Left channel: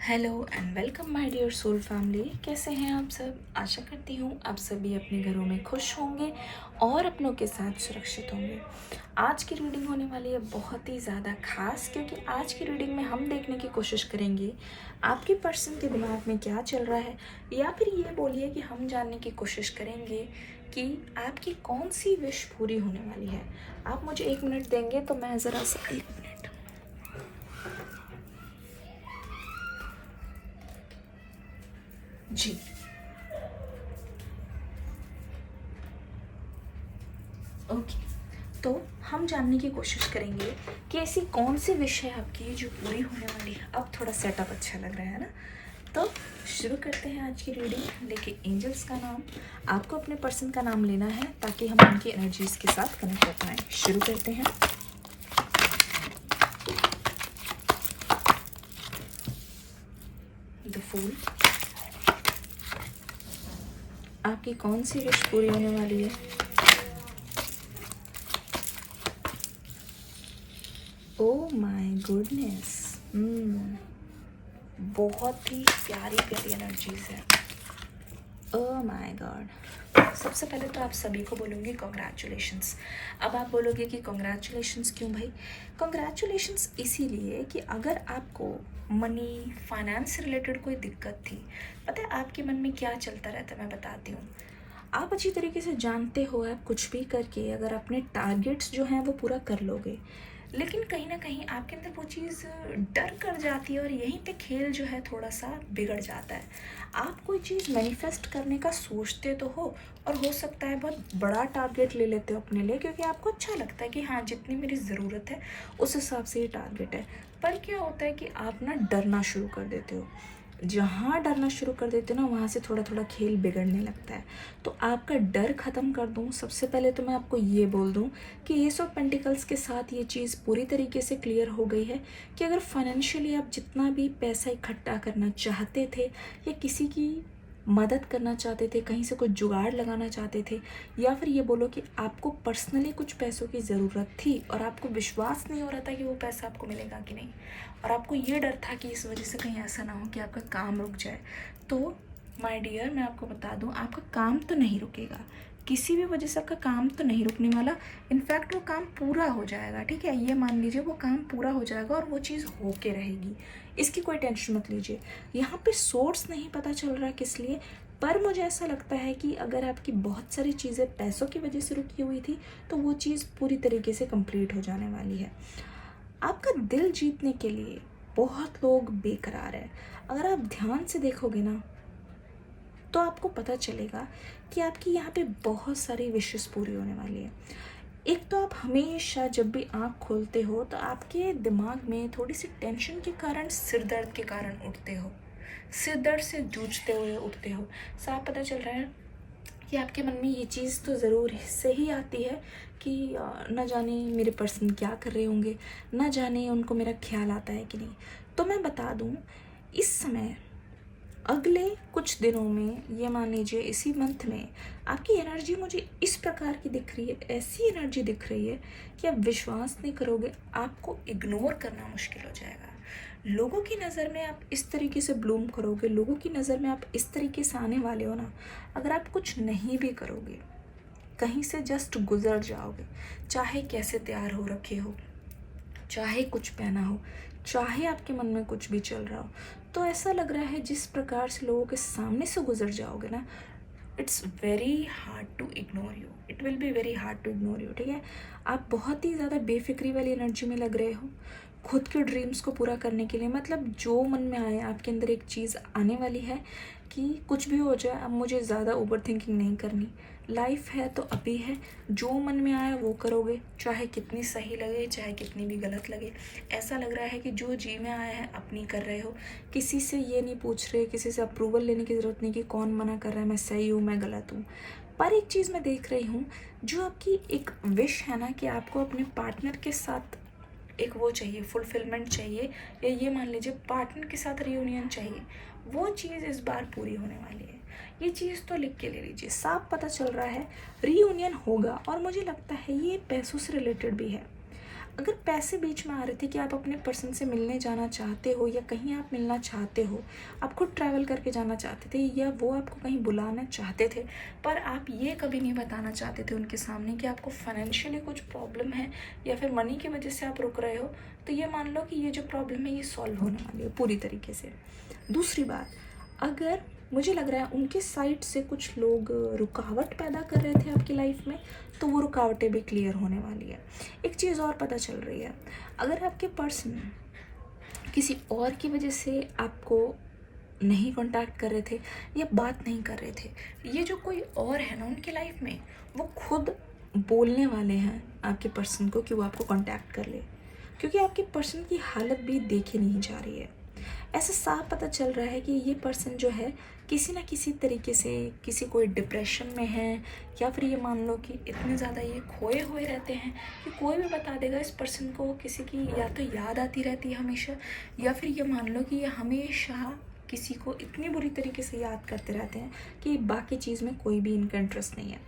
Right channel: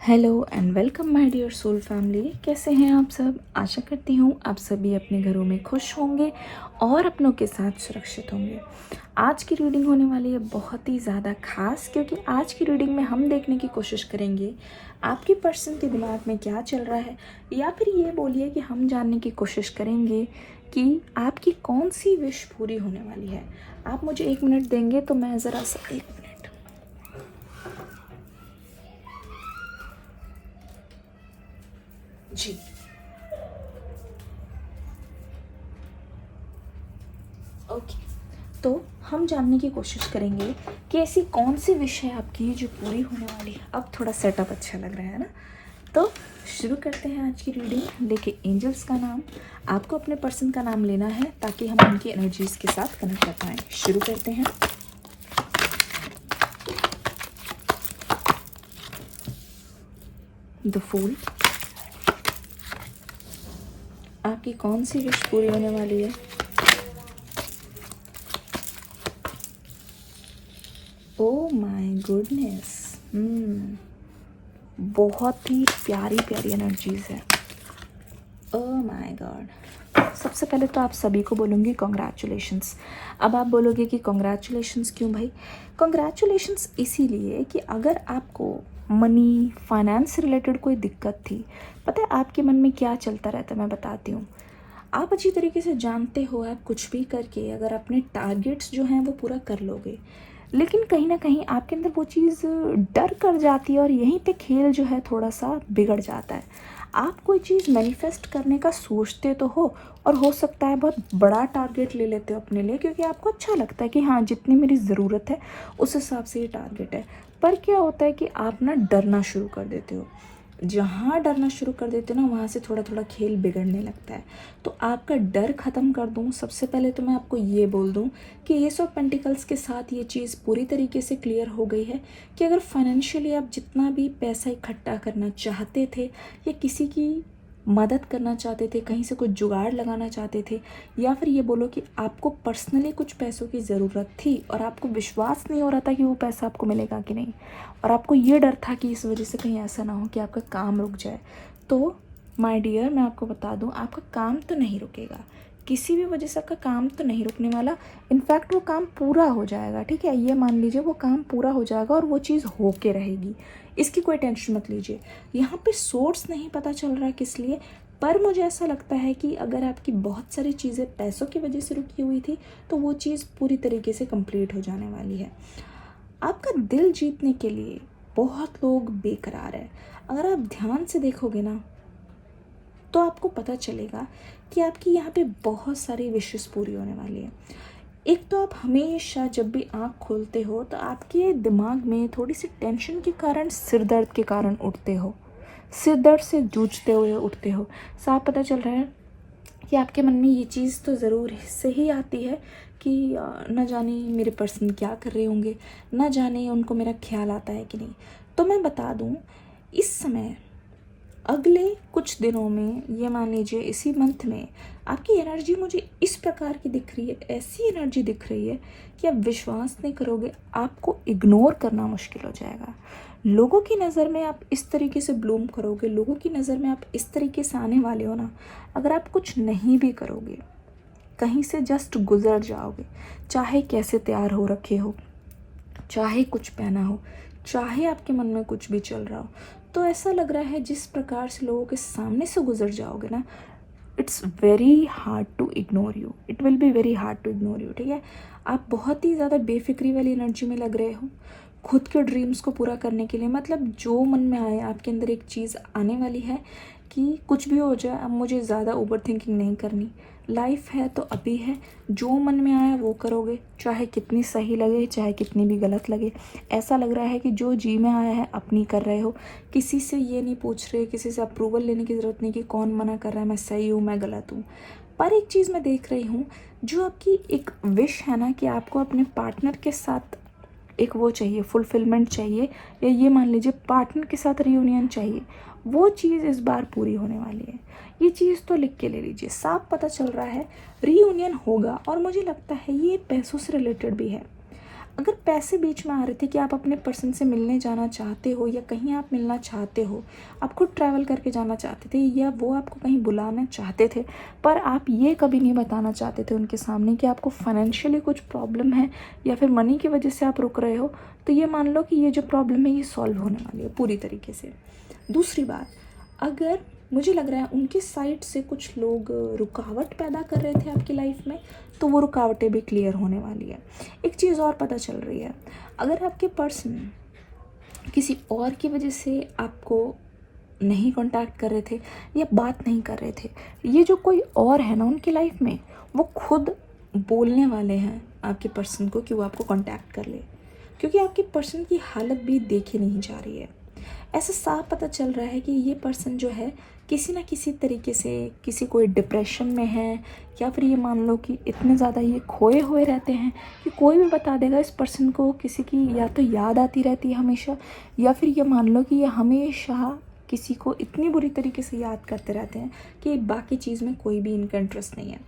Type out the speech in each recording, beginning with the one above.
Hello and welcome my dear soul family. कैसे हैं आप सब? आशा करती हूँ आप सभी अपने घरों में खुश होंगे और अपनों के साथ सुरक्षित होंगे। आज की रीडिंग होने वाली है बहुत ही ज़्यादा खास, क्योंकि आज की रीडिंग में हम देखने की कोशिश करेंगे आपके पर्सन के दिमाग में क्या चल रहा है, या फिर ये बोलिए कि हम जानने की कोशिश करेंगे कि आपकी कौन सी विश पूरी होने वाली है। आप मुझे 1 मिनट देंगे तो मैं ज़रा सा 1 मिनट। जी, ओके। तो हम जानने की कोशिश करेंगे कि ऐसी कौन सी विश है आपकी जो पूरी होने वाली है। अब थोड़ा सेटअप अच्छा लग रहा है ना? तो शुरू करते हैं आज की रीडिंग। देखिए, एंजल्स का नाम, आपको अपने पर्सन का नाम लेना है ताकि हम उनकी एनर्जीज के साथ कनेक्ट कर पाएँ। शुरू करते हैं। द फूल, आपकी कौन सी विश पूरी होने वाली है? ओह माय गुडनेस, बहुत ही प्यारी प्यारी एनर्जीज है। Oh my God. सबसे पहले तो आप सभी को बोलूँगी कॉन्ग्रेचुलेशंस। अब आप बोलोगे कि कॉन्ग्रेचुलेशंस क्यों भाई? कॉन्ग्रेचुलेशंस इसीलिए कि अगर आपको मनी फाइनेंस से रिलेटेड कोई दिक्कत थी, पता है आपके मन में क्या चलता रहता है, मैं बताती हूँ। आप अच्छी तरीके से जानते हो, आप कुछ भी करके अगर अपने टारगेट्स जो हैं वो पूरा कर लोगे, लेकिन कहीं ना कहीं आपके अंदर वो चीज़ डर कर जाती है और यहीं पे खेल जो है थोड़ा सा बिगड़ जाता है। आप कोई चीज़ मैनिफेस्ट करने का सोचते तो हो, और हो सकता है बहुत बड़ा टारगेट ले लेते हो अपने लिए, क्योंकि आपको अच्छा लगता है कि हाँ, जितनी मेरी ज़रूरत है उस हिसाब से ये टारगेट है। पर क्या होता है कि आप ना डरना शुरू कर देते हो। जहाँ डरना शुरू कर देते हो ना, वहाँ से थोड़ा थोड़ा खेल बिगड़ने लगता है। तो आपका डर ख़त्म कर दूँ, सबसे पहले तो मैं आपको ये बोल दूँ कि एस ऑफ पेंटिकल्स के साथ ये चीज़ पूरी तरीके से क्लियर हो गई है कि अगर फाइनेंशियली आप जितना भी पैसा इकट्ठा करना चाहते थे, या किसी की मदद करना चाहते थे, कहीं से कुछ जुगाड़ लगाना चाहते थे, या फिर ये बोलो कि आपको पर्सनली कुछ पैसों की ज़रूरत थी और आपको विश्वास नहीं हो रहा था कि वो पैसा आपको मिलेगा कि नहीं, और आपको ये डर था कि इस वजह से कहीं ऐसा ना हो कि आपका काम रुक जाए, तो माय डियर मैं आपको बता दूं, आपका काम तो नहीं रुकेगा। किसी भी वजह से आपका काम तो नहीं रुकने वाला। इनफैक्ट वो काम पूरा हो जाएगा, ठीक है? ये मान लीजिए वो काम पूरा हो जाएगा और वो चीज़ होके रहेगी। इसकी कोई टेंशन मत लीजिए। यहाँ पे सोर्स नहीं पता चल रहा किस लिए, पर मुझे ऐसा लगता है कि अगर आपकी बहुत सारी चीज़ें पैसों की वजह से रुकी हुई थी, तो वो चीज़ पूरी तरीके से कंप्लीट हो जाने वाली है। आपका दिल जीतने के लिए बहुत लोग बेकरार है। अगर आप ध्यान से देखोगे ना, तो आपको पता चलेगा कि आपकी यहाँ पे बहुत सारी विशेस पूरी होने वाली है। एक तो आप हमेशा जब भी आँख खोलते हो तो आपके दिमाग में थोड़ी सी टेंशन के कारण, सिर दर्द के कारण उठते हो, सिर दर्द से जूझते हुए उठते हो। साफ पता चल रहा है कि आपके मन में ये चीज़ तो ज़रूर से ही आती है कि न जाने मेरे पर्सन क्या कर रहे होंगे, न जाने उनको मेरा ख्याल आता है कि नहीं। तो मैं बता दूँ, इस समय अगले कुछ दिनों में, ये मान लीजिए इसी मंथ में, आपकी एनर्जी मुझे इस प्रकार की दिख रही है, ऐसी एनर्जी दिख रही है कि आप विश्वास नहीं करोगे, आपको इग्नोर करना मुश्किल हो जाएगा। लोगों की नज़र में आप इस तरीके से ब्लूम करोगे, लोगों की नज़र में आप इस तरीके से आने वाले हो ना, अगर आप कुछ नहीं भी करोगे, कहीं से जस्ट गुजर जाओगे, चाहे कैसे तैयार हो रखे हो, चाहे कुछ पहना हो, चाहे आपके मन में कुछ भी चल रहा हो, तो ऐसा लग रहा है जिस प्रकार से लोगों के सामने से गुजर जाओगे ना, it's very hard to ignore you, it will be very hard to ignore you, ठीक है? आप बहुत ही ज़्यादा बेफिक्री वाली एनर्जी में लग रहे हो, खुद के ड्रीम्स को पूरा करने के लिए, मतलब जो मन में आए, आपके अंदर एक चीज़ आने वाली है कि कुछ भी हो जाए, अब मुझे ज़्यादा ओवर थिंकिंग नहीं करनी, लाइफ है तो अभी है, जो मन में आया वो करोगे, चाहे कितनी सही लगे, चाहे कितनी भी गलत लगे। ऐसा लग रहा है कि जो जी में आया है अपनी कर रहे हो, किसी से ये नहीं पूछ रहे, किसी से अप्रूवल लेने की ज़रूरत नहीं कि कौन मना कर रहा है, मैं सही हूँ मैं गलत हूँ। पर एक चीज़ मैं देख रही हूँ, जो आपकी एक विश है ना कि आपको अपने पार्टनर के साथ एक वो चाहिए, फुलफिलमेंट चाहिए, या ये मान लीजिए पार्टनर के साथ रियूनियन चाहिए, वो चीज़ इस बार पूरी होने वाली है। ये चीज़ तो लिख के ले लीजिए, साफ पता चल रहा है रियूनियन होगा, और मुझे लगता है ये पैसों से रिलेटेड भी है। अगर पैसे बीच में आ रहे थे कि आप अपने पर्सन से मिलने जाना चाहते हो या कहीं आप मिलना चाहते हो, आप खुद ट्रैवल करके जाना चाहते थे या वो आपको कहीं बुलाना चाहते थे, पर आप ये कभी नहीं बताना चाहते थे उनके सामने कि आपको फाइनेंशियली कुछ प्रॉब्लम है या फिर मनी की वजह से आप रुक रहे हो, तो ये मान लो कि ये जो प्रॉब्लम है ये सॉल्व होने वाली है पूरी तरीके से। दूसरी बात, अगर मुझे लग रहा है उनके साइड से कुछ लोग रुकावट पैदा कर रहे थे आपकी लाइफ में, तो वो रुकावटें भी क्लियर होने वाली है। एक चीज़ और पता चल रही है, अगर आपके पर्सन किसी और की वजह से आपको नहीं कांटेक्ट कर रहे थे या बात नहीं कर रहे थे, ये जो कोई और है ना उनकी लाइफ में, वो खुद बोलने वाले हैं आपके पर्सन को कि वो आपको कांटेक्ट कर ले, क्योंकि आपके पर्सन की हालत भी देखी नहीं जा रही है। ऐसा साफ पता चल रहा है कि ये पर्सन जो है किसी ना किसी तरीके से किसी कोई डिप्रेशन में है, या फिर ये मान लो कि इतने ज़्यादा ये खोए हुए रहते हैं कि कोई भी बता देगा इस पर्सन को किसी की या तो याद आती रहती है हमेशा, या फिर ये मान लो कि ये हमेशा किसी को इतनी बुरी तरीके से याद करते रहते हैं कि बाकी चीज़ में कोई भी इनका इंटरेस्ट नहीं है।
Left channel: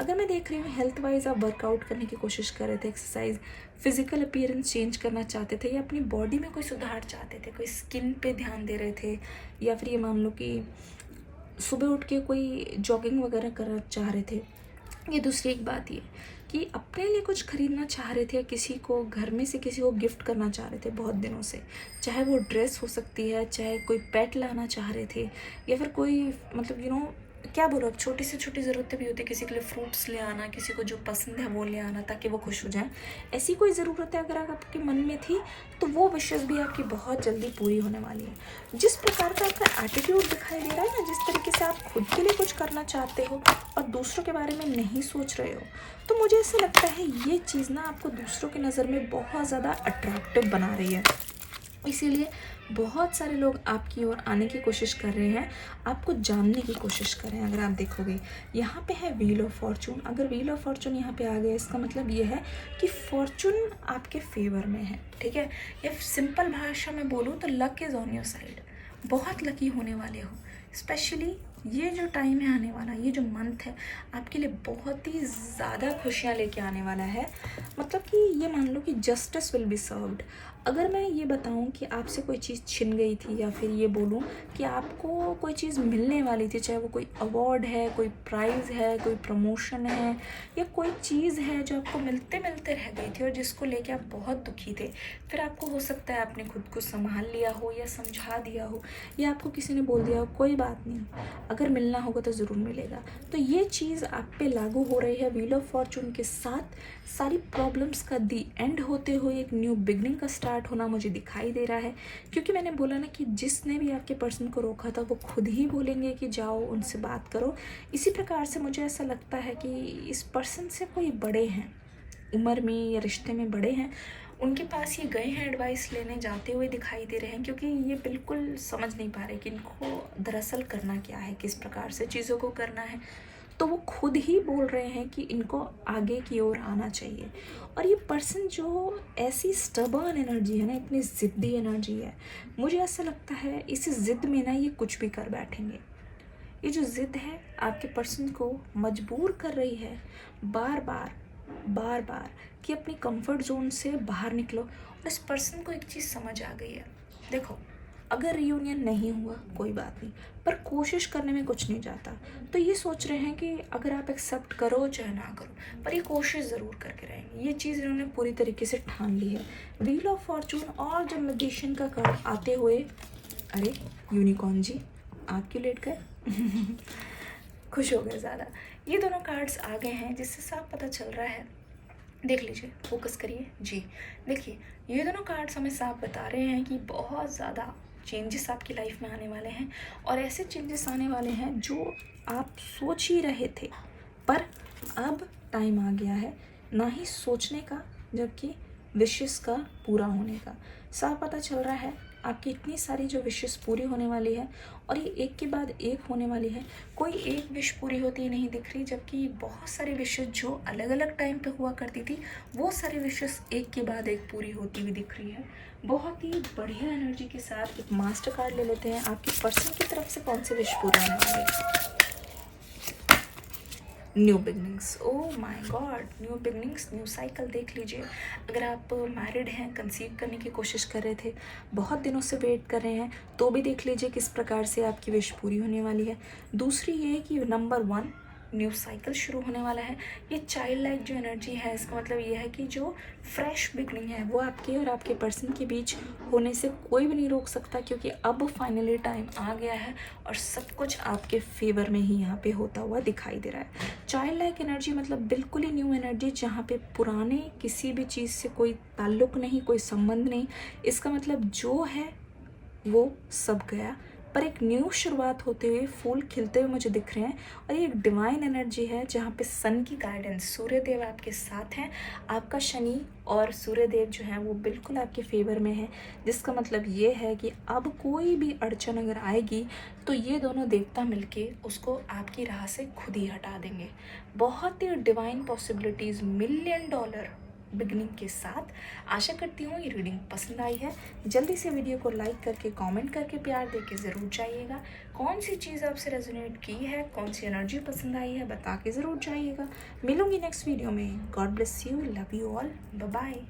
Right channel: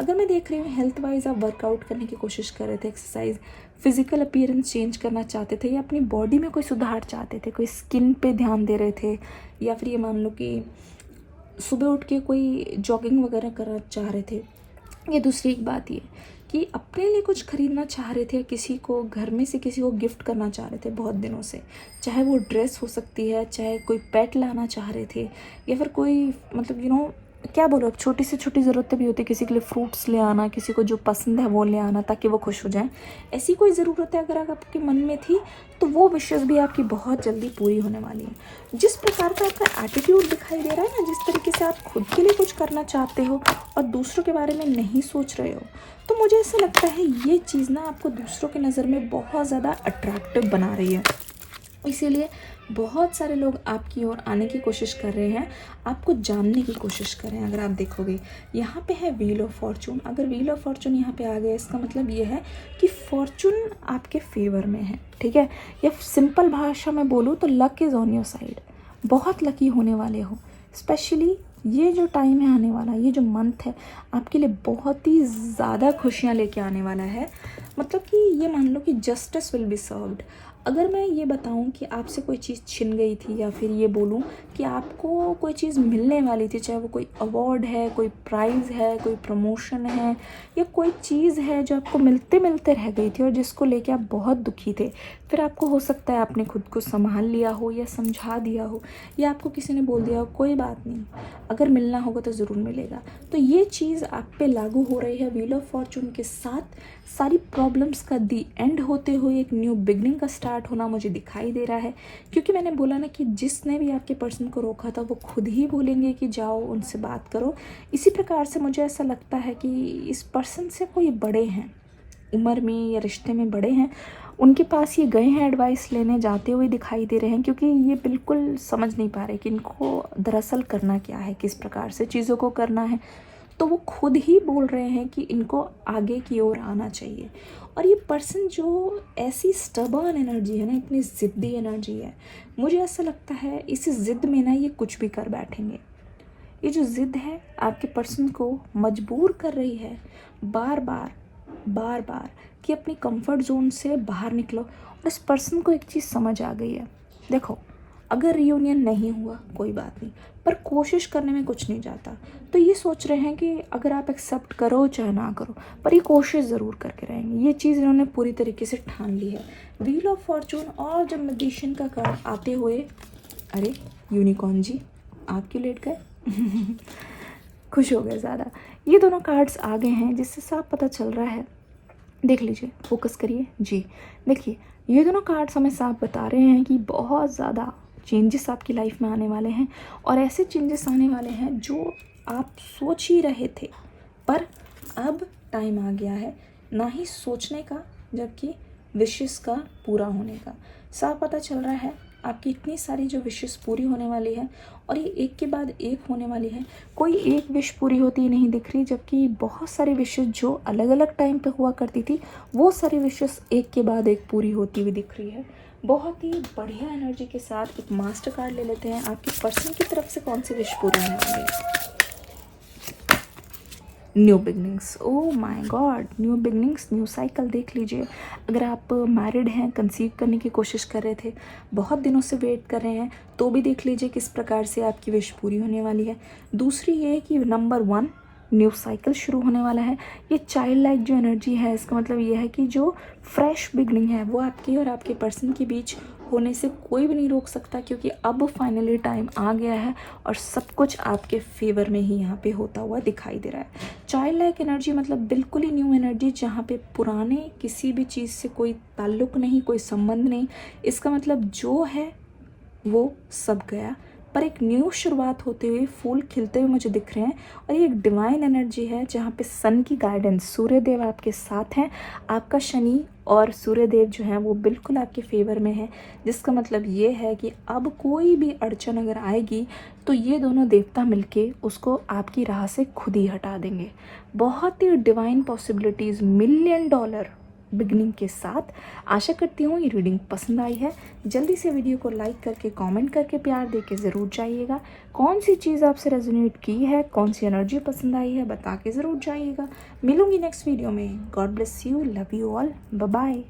अगर मैं देख रही हूँ हेल्थ वाइज आप वर्कआउट करने की कोशिश कर रहे थे, एक्सरसाइज, फिजिकल अपीयरेंस चेंज करना चाहते थे या अपनी बॉडी में कोई सुधार चाहते थे, कोई स्किन पे ध्यान दे रहे थे, या फिर ये मान लो कि सुबह उठ के कोई जॉगिंग वगैरह करना चाह रहे थे। ये दूसरी एक बात ये कि अपने लिए कुछ खरीदना चाह रहे थे, किसी को घर में से किसी को गिफ्ट करना चाह रहे थे बहुत दिनों से, चाहे वो ड्रेस हो सकती है, चाहे कोई पेट लाना चाह रहे थे, या फिर कोई मतलब क्या बोलो, छोटी से छोटी ज़रूरतें भी होती है, किसी के लिए फ्रूट्स ले आना, किसी को जो पसंद है वो ले आना ताकि वो खुश हो जाए। ऐसी कोई ज़रूरतें अगर आपके मन में थी तो वो विशेष भी आपकी बहुत जल्दी पूरी होने वाली है। जिस प्रकार का आपका एटीट्यूड दिखाई दे रहा है ना, जिस तरीके से आप खुद के लिए कुछ करना चाहते हो और दूसरों के बारे में नहीं सोच रहे हो, तो मुझे ऐसा लगता है ये चीज़ ना आपको दूसरों की नज़र में बहुत ज़्यादा अट्रैक्टिव बना रही है। इसीलिए बहुत सारे लोग आपकी ओर आने की कोशिश कर रहे हैं, आपको जानने की कोशिश कर रहे हैं। अगर आप देखोगे यहाँ पे है व्हील ऑफ फॉर्चून, अगर व्हील ऑफ फॉर्चून यहाँ पे आ गया इसका मतलब ये है कि फॉर्चून आपके फेवर में है, ठीक है। या सिंपल भाषा में बोलूँ तो luck is on your side, बहुत लकी होने वाले हो। स्पेशली ये जो टाइम है आने वाला, ये जो मंथ है आपके लिए बहुत ही ज़्यादा खुशियाँ लेके आने वाला है। मतलब कि ये मान लो कि जस्टिस विल बी सर्व्ड। अगर मैं ये बताऊं कि आपसे कोई चीज़ छिन गई थी, या फिर ये बोलूं कि आपको कोई चीज़ मिलने वाली थी, चाहे वो कोई अवार्ड है, कोई प्राइज़ है, कोई प्रमोशन है, या कोई चीज़ है जो आपको मिलते मिलते रह गई थी और जिसको लेके आप बहुत दुखी थे, फिर आपको हो सकता है आपने खुद को संभाल लिया हो या समझा दिया हो, या आपको किसी ने बोल दिया हो कोई बात नहीं, अगर मिलना होगा तो ज़रूर मिलेगा। तो ये चीज़ आप पे लागू हो रही है। व्हील ऑफ फॉर्चून के साथ सारी प्रॉब्लम्स का दी एंड होते हुए एक न्यू बिगनिंग का स्टार्ट होना मुझे दिखाई दे रहा है, क्योंकि मैंने बोला ना कि जिसने भी आपके पर्सन को रोका था वो खुद ही बोलेंगे कि जाओ उनसे बात करो। इसी प्रकार से मुझे ऐसा लगता है कि इस पर्सन से कोई बड़े हैं, उम्र में या रिश्ते में बड़े हैं, उनके पास ये गए हैं एडवाइस लेने, जाते हुए दिखाई दे रहे हैं, क्योंकि ये बिल्कुल समझ नहीं पा रहे कि इनको दरअसल करना क्या है, किस प्रकार से चीज़ों को करना है। तो वो खुद ही बोल रहे हैं कि इनको आगे की ओर आना चाहिए। और ये पर्सन जो ऐसी स्टबर्न एनर्जी है ना, इतनी ज़िद्दी एनर्जी है, मुझे ऐसा लगता है इस ज़िद में ना ये कुछ भी कर बैठेंगे। ये जो ज़िद है आपके पर्सन को मजबूर कर रही है बार बार कि अपनी कंफर्ट जोन से बाहर निकलो। और इस पर्सन को एक चीज़ समझ आ गई है, देखो अगर रियूनियन नहीं हुआ कोई बात नहीं, पर कोशिश करने में कुछ नहीं जाता। तो ये सोच रहे हैं कि अगर आप एक्सेप्ट करो चाहे ना करो, पर ये कोशिश ज़रूर करके रहेंगे। ये चीज़ इन्होंने पूरी तरीके से ठान ली है। व्हील ऑफ फॉर्चून और जब मैजिशियन का कार्ड आते हुए, अरे यूनिकॉर्न जी आप क्यों लेट गए? खुश हो गए ज़्यादा। ये दोनों कार्ड्स आ गए हैं जिससे साफ पता चल रहा है, देख लीजिए, फोकस करिए जी। देखिए ये दोनों कार्ड्स हमें साफ बता रहे हैं कि बहुत ज़्यादा चेंजेस आपकी लाइफ में आने वाले हैं, और ऐसे चेंजेस आने वाले हैं जो आप सोच ही रहे थे, पर अब टाइम आ गया है ना ही सोचने का जबकि विशेस का पूरा होने का। साफ पता चल रहा है आपकी इतनी सारी जो विशेस पूरी होने वाली है, और ये एक के बाद एक होने वाली है। कोई एक विश पूरी होती ही नहीं दिख रही, जबकि बहुत सारी विशेस जो अलग अलग टाइम पे हुआ करती थी वो सारी विशेस एक के बाद एक पूरी होती हुई दिख रही है। बहुत ही बढ़िया एनर्जी के साथ एक मास्टर कार्ड ले लेते हैं, आपकी पर्सन की तरफ से कौन सी विश पूरी होने वाली है। New beginnings, oh my God, new beginnings, new cycle. देख लीजिए, अगर आप मैरिड हैं, कंसीव करने की कोशिश कर रहे थे, बहुत दिनों से वेट कर रहे हैं, तो भी देख लीजिए किस प्रकार से आपकी विश पूरी होने वाली है। दूसरी ये कि नंबर 1, न्यू साइकिल शुरू होने वाला है। ये चाइल्ड लाइक जो एनर्जी है, इसका मतलब ये है कि जो फ्रेश बिगनिंग है वो आपकी और आपके पर्सन के बीच होने से कोई भी नहीं रोक सकता, क्योंकि अब फाइनली टाइम आ गया है और सब कुछ आपके फेवर में ही यहाँ पे होता हुआ दिखाई दे रहा है। चाइल्ड लाइक एनर्जी मतलब बिल्कुल ही न्यू एनर्जी, जहाँ पे पुराने किसी भी चीज़ से कोई ताल्लुक नहीं, कोई संबंध नहीं। इसका मतलब जो है वो सब गया, पर एक न्यू शुरुआत होते हुए, फूल खिलते हुए मुझे दिख रहे हैं। और ये एक डिवाइन एनर्जी है जहाँ पे सन की गाइडेंस, सूर्यदेव आपके साथ हैं। आपका शनि और सूर्यदेव जो हैं वो बिल्कुल आपके फेवर में है, जिसका मतलब ये है कि अब कोई भी अड़चन अगर आएगी तो ये दोनों देवता मिलके उसको आपकी राह से खुद ही हटा देंगे। बहुत ही डिवाइन पॉसिबिलिटीज़, $1,000,000 बिगनिंग के साथ। आशा करती हूँ ये रीडिंग पसंद आई है। जल्दी से वीडियो को लाइक करके, कमेंट करके, प्यार दे के ज़रूर जाइएगा। कौन सी चीज़ आपसे रेजोनेट की है, कौन सी एनर्जी पसंद आई है, बता के ज़रूर जाइएगा। मिलूंगी नेक्स्ट वीडियो में। God bless you, love you all, bye bye.